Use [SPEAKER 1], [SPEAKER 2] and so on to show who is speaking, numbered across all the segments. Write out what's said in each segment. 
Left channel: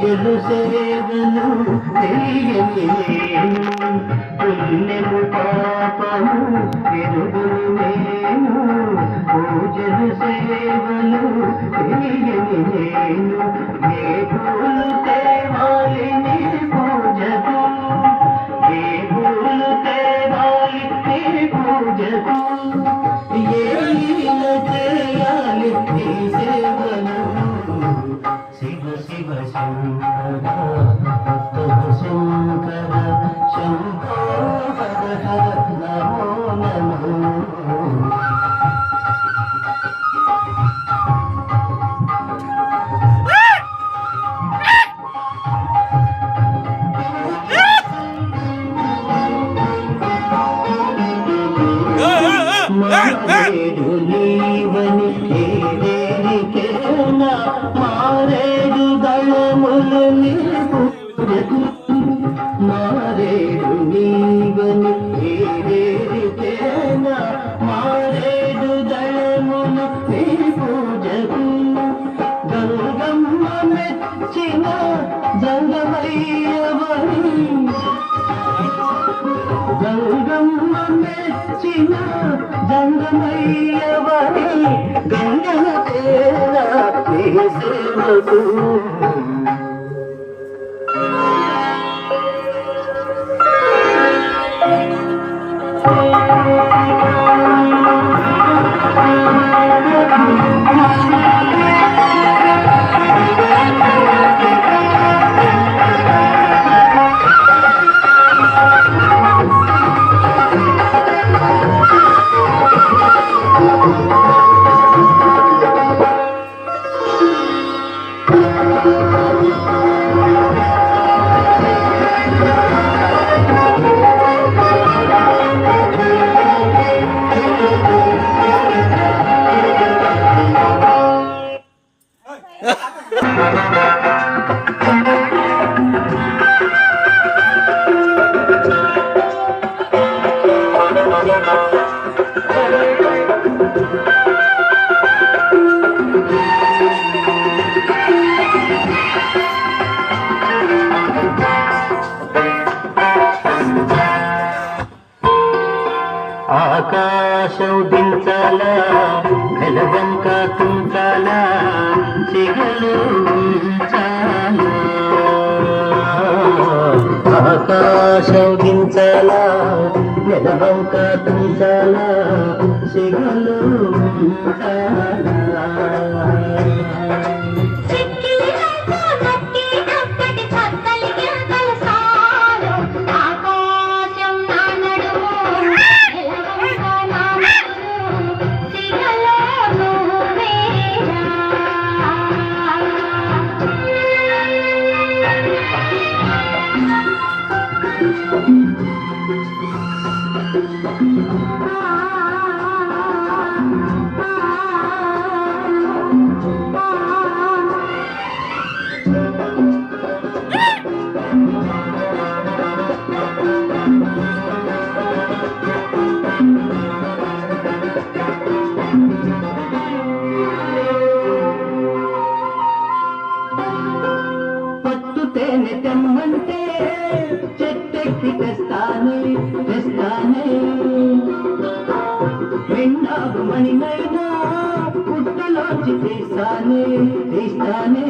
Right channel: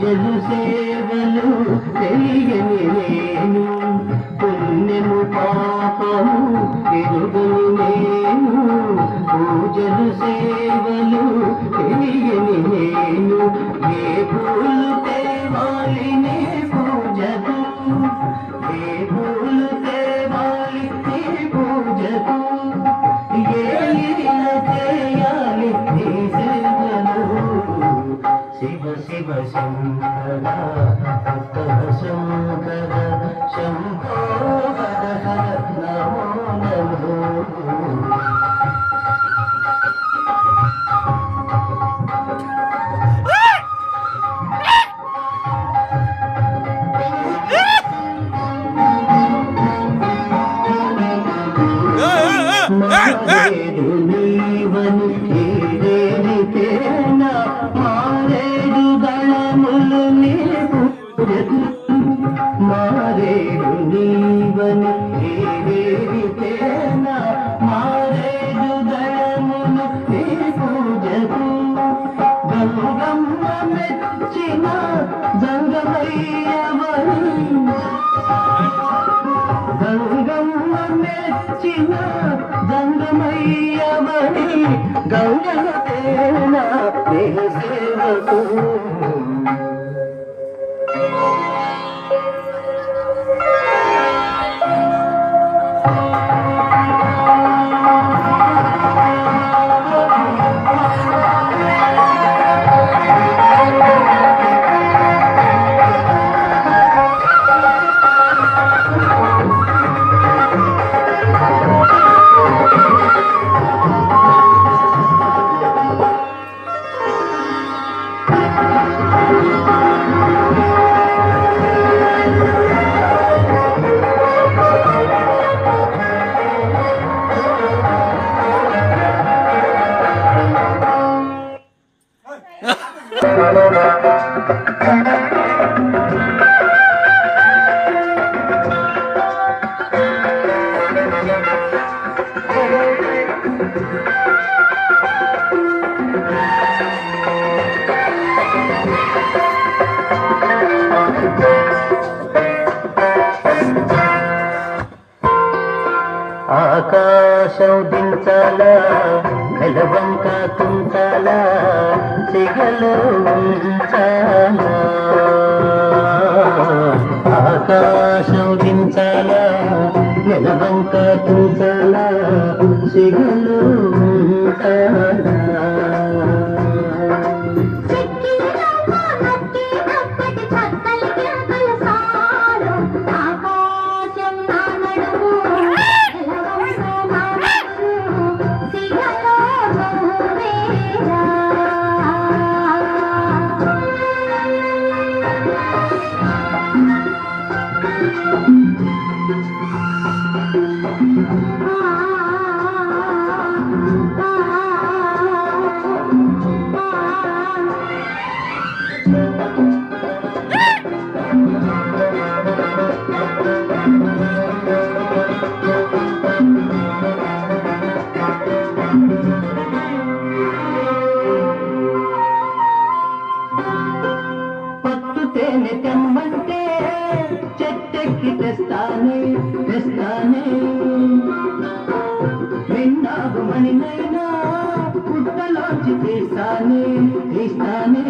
[SPEAKER 1] జలు సేవలు తెలియని నేను. పుణ్యము పాపము విరుగుని నేను. పూజలు సేవలు తెలియని నేను. మారేడు నీవని ఏదేనికేనా మారేడు దళములు నీకు మారేడు నీవని ఆకాశం దించాలా నెలవంక తుంచాలా చెగలు ఉంచాలా ఆకాశం నెలవంక తుంచాలా చెగలు తీస్తానే తీస్తానే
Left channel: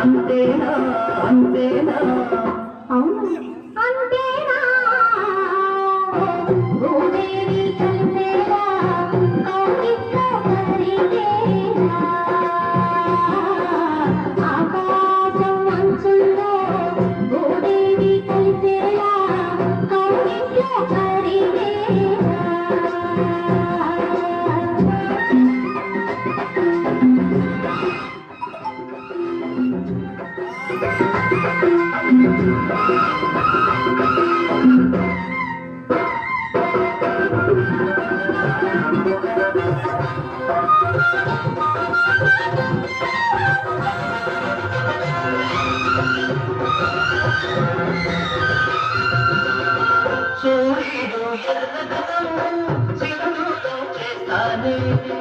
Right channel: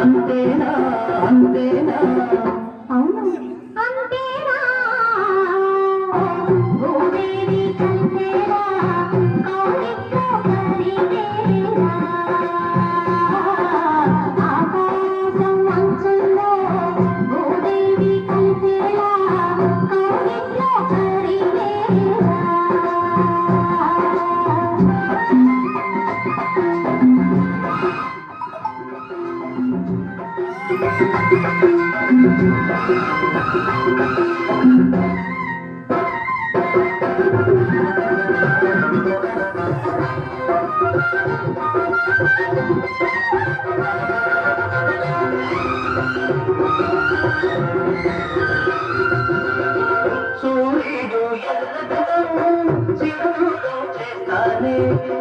[SPEAKER 1] అంతేనా అంతేనా.
[SPEAKER 2] అవును. అంతేనా.
[SPEAKER 1] ఆ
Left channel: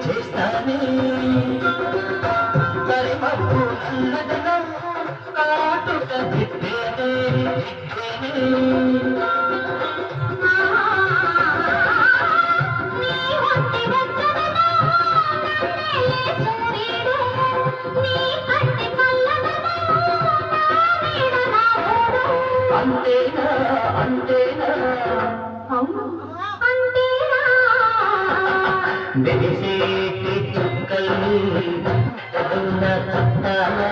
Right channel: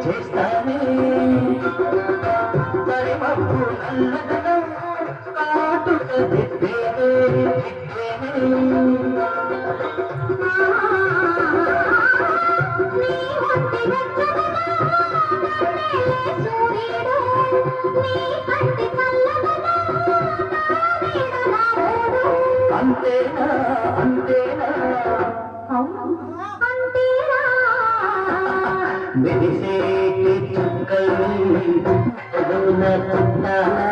[SPEAKER 2] చేస్తానే మరి కరిమప్పు నల్లదనం అంతేనా అంతేనా?
[SPEAKER 1] అంతేనా?
[SPEAKER 2] మెరిసేటి చుక్కలు తగున చుట్టాలా